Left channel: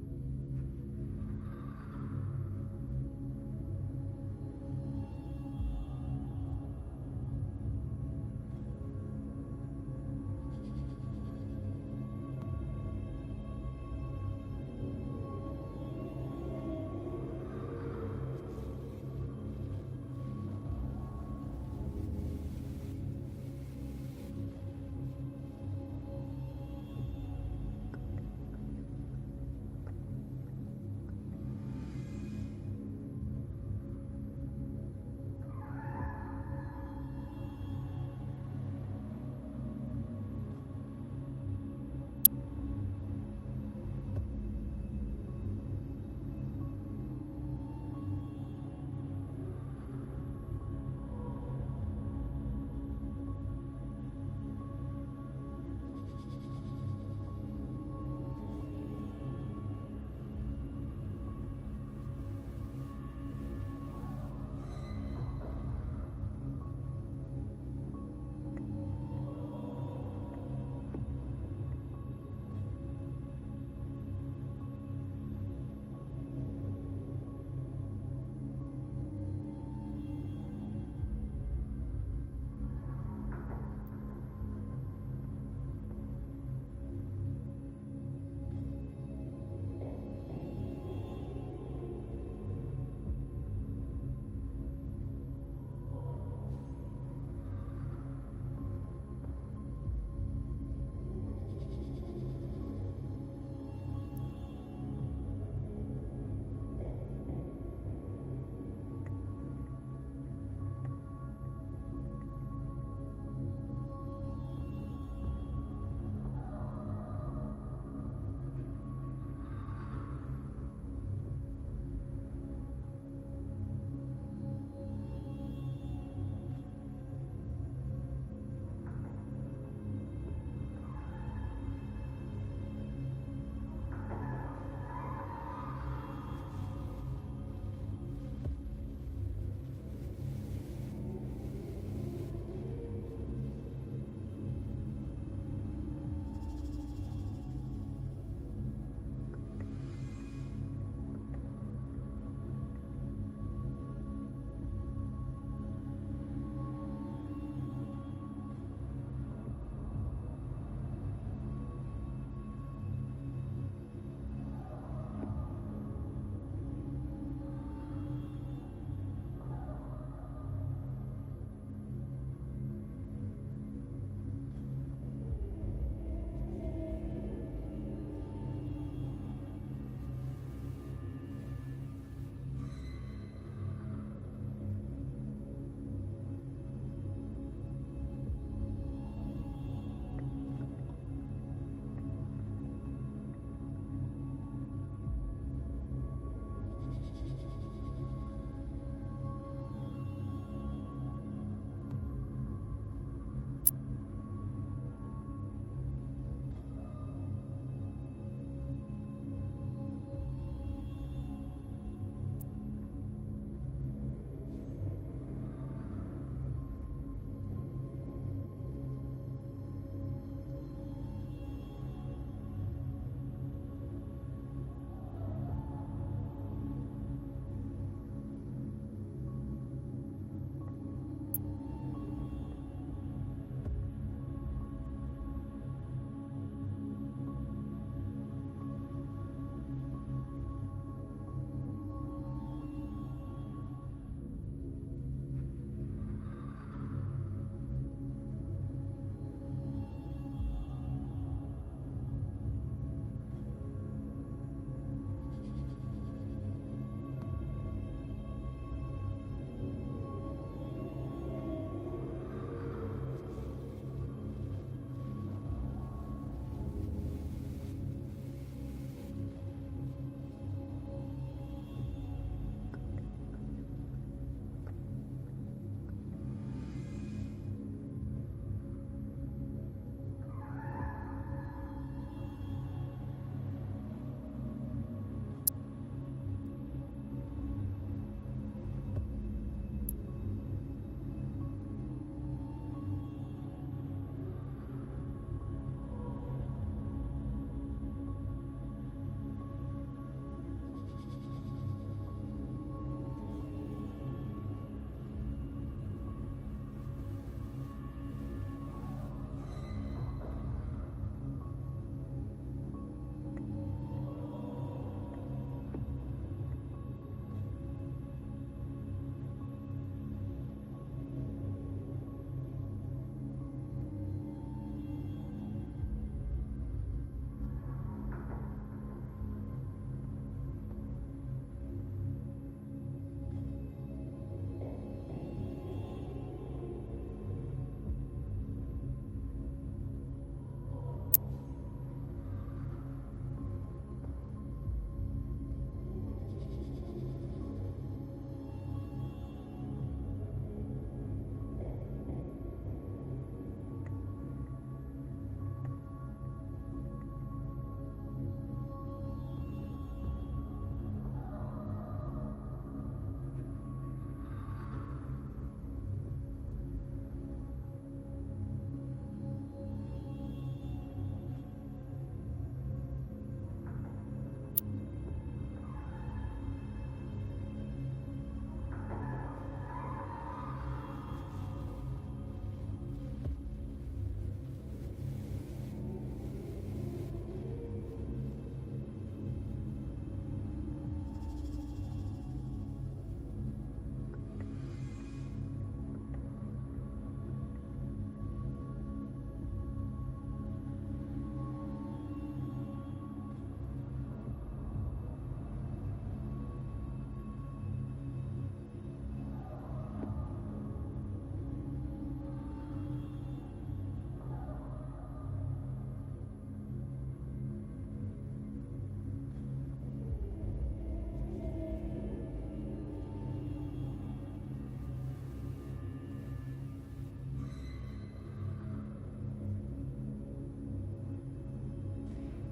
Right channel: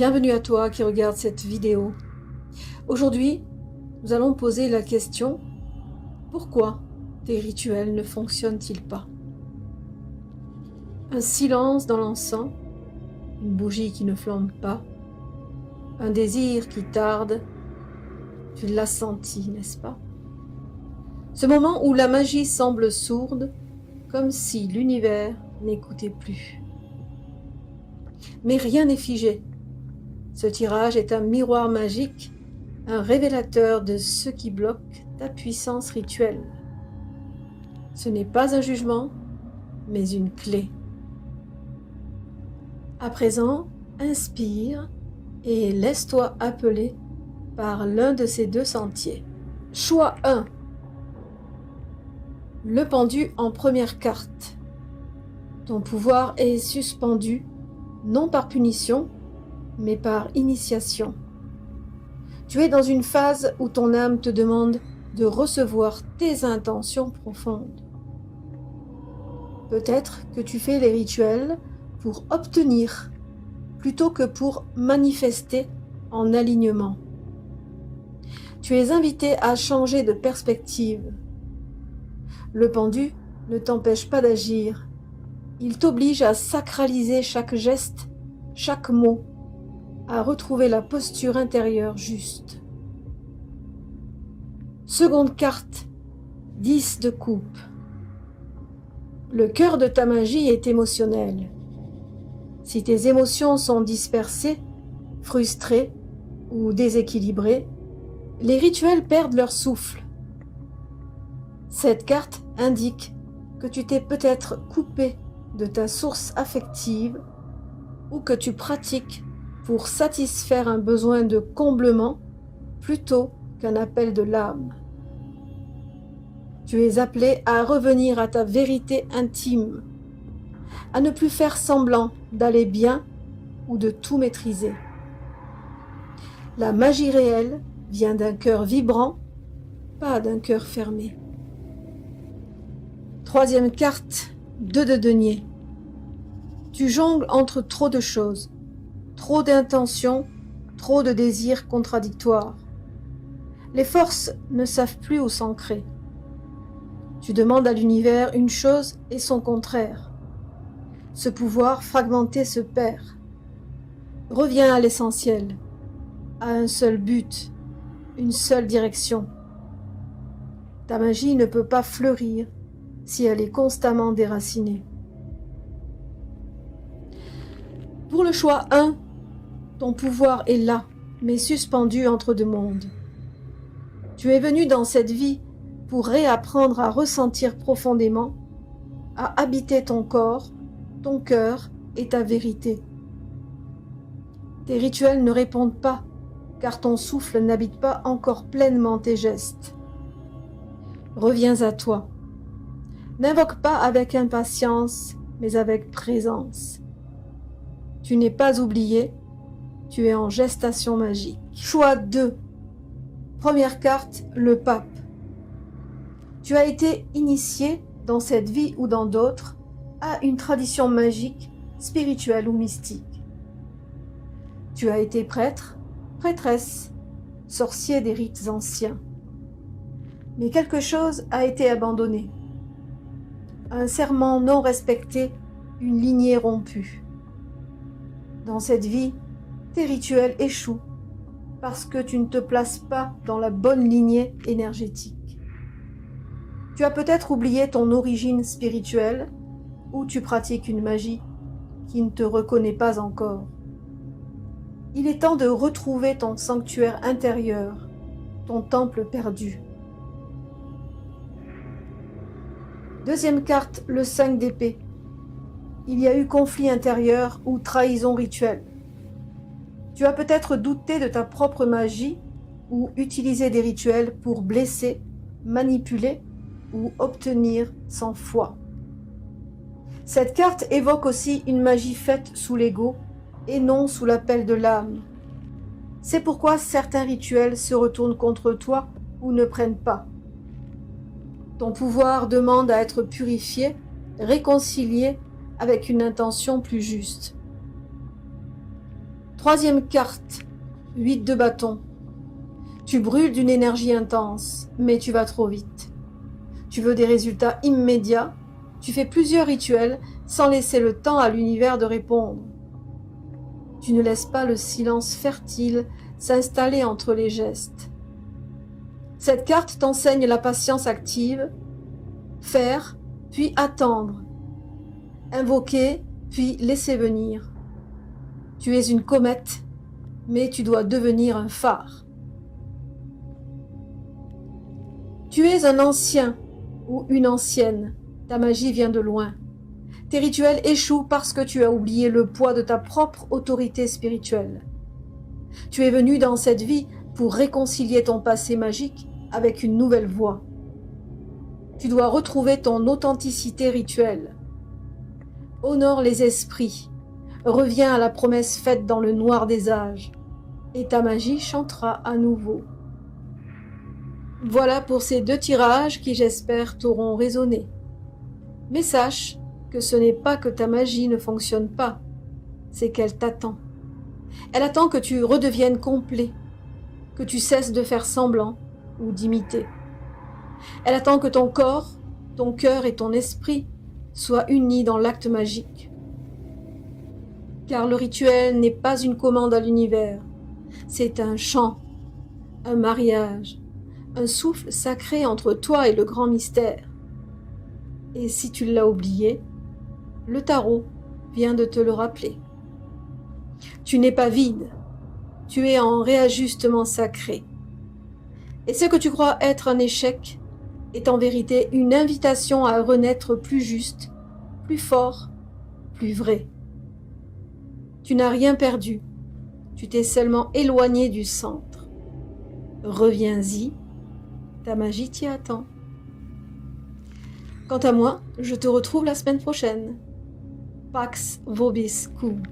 Bienvenue à toi qui regarde cette vidéo. Aujourd'hui, nous allons poser la question: pourquoi tes rituels ne fonctionnent-ils pas? Un silence dans l'encens, une bougie qui ne flambe pas, un désir qui tarde, tu l'as senti, n'est-ce pas? Ce moment où la magie semble sourde, comme si l'univers n'écoutait plus. Mais rien n'est figé. Ce tirage est un miroir magique, un révélateur de ce qui bloque ta puissance rituelle. Ce n'est pas un jugement, mais une clé. À présent, inspire et laisse-toi appeler par l'un de ces deux sentiers. Choix 1. Le pendu en première carte. Ton pouvoir est suspendu, non par punition, mais par initiation. Tu es dans une phase où ton âme te demande de recevoir tes intentions profondes. Peut-être que tu fais les rituels pour obtenir, plutôt que pour manifester en alignement. Tu es invité à changer de perspective. Le pendu ne t'empêche pas d'agir. Il t'oblige à sacraliser chaque geste, chaque mot, à retrouver la posture intérieure juste. Seconde carte, 10 de coupe. Le cœur de ta magie est émotionnel. Si tes émotions sont dispersées, frustrées ou déséquilibrées, les rituels perdent leur souffle. Cette carte indique que tu t'es peut-être coupé de ta source affective ou que tu pratiques pour satisfaire un besoin de comblement plutôt qu'un appel de l'âme. Tu es appelé à revenir à ta vérité intime, à ne plus faire semblant d'aller bien ou de tout maîtriser. La magie réelle vient d'un cœur vibrant, pas d'un cœur fermé. Troisième carte, 2 de denier. Tu jongles entre trop de choses, trop d'intentions, trop de désirs contradictoires. Les forces ne savent plus où s'ancrer. Tu demandes à l'univers une chose et son contraire. Ce pouvoir fragmenté se perd. Reviens à l'essentiel, à un seul but, une seule direction. Ta magie ne peut pas fleurir si elle est constamment déracinée. Pour le choix 1, ton pouvoir est là, mais suspendu entre deux mondes. Tu es venu dans cette vie pour réapprendre à ressentir profondément, à habiter ton corps, ton cœur et ta vérité. Tes rituels ne répondent pas, car ton souffle n'habite pas encore pleinement tes gestes. Reviens à toi. N'invoque pas avec impatience, mais avec présence. Tu n'es pas oublié, tu es en gestation magique. Choix 2. Première carte, le pape. Tu as été initié, dans cette vie ou dans d'autres, à une tradition magique, spirituelle ou mystique. Tu as été prêtre, prêtresse, sorcier des rites anciens. Mais quelque chose a été abandonné. Un serment non respecté, une lignée rompue. Dans cette vie, tes rituels échouent parce que tu ne te places pas dans la bonne lignée énergétique. Tu as peut-être oublié ton origine spirituelle ou tu pratiques une magie qui ne te reconnaît pas encore. Il est temps de retrouver ton sanctuaire intérieur, ton temple perdu. Deuxième carte, le 5 d'épée. Il y a eu conflit intérieur ou trahison rituelle. Tu as peut-être douté de ta propre magie ou utilisé des rituels pour blesser, manipuler ou obtenir sans foi. Cette carte évoque aussi une magie faite sous l'ego et non sous l'appel de l'âme. C'est pourquoi certains rituels se retournent contre toi ou ne prennent pas. Ton pouvoir demande à être purifié, réconcilié avec une intention plus juste. Troisième carte, 8 de bâton. Tu brûles d'une énergie intense, mais tu vas trop vite. Tu veux des résultats immédiats, tu fais plusieurs rituels sans laisser le temps à l'univers de répondre. Tu ne laisses pas le silence fertile s'installer entre les gestes. Cette carte t'enseigne la patience active, faire, puis attendre, invoquer, puis laisser venir. Tu es une comète, mais tu dois devenir un phare. Tu es un ancien ou une ancienne, ta magie vient de loin. Tes rituels échouent parce que tu as oublié le poids de ta propre autorité spirituelle. Tu es venu dans cette vie pour réconcilier ton passé magique avec une nouvelle voie. Tu dois retrouver ton authenticité rituelle. Honore les esprits, reviens à la promesse faite dans le noir des âges, et ta magie chantera à nouveau. Voilà pour ces 2 tirages qui, j'espère, t'auront résonné. Mais sache que ce n'est pas que ta magie ne fonctionne pas, c'est qu'elle t'attend. Elle attend que tu redeviennes complet, que tu cesses de faire semblant ou d'imiter. Elle attend que ton corps, ton cœur et ton esprit soient unis dans l'acte magique. Car le rituel n'est pas une commande à l'univers, c'est un chant, un mariage, un souffle sacré entre toi et le grand mystère. Et si tu l'as oublié, le tarot vient de te le rappeler. Tu n'es pas vide, tu es en réajustement sacré. Et ce que tu crois être un échec est en vérité une invitation à renaître plus juste, plus fort, plus vrai. Tu n'as rien perdu, tu t'es seulement éloigné du centre. Reviens-y, ta magie t'y attend. Quant à moi, je te retrouve la semaine prochaine. Pax vobiscum.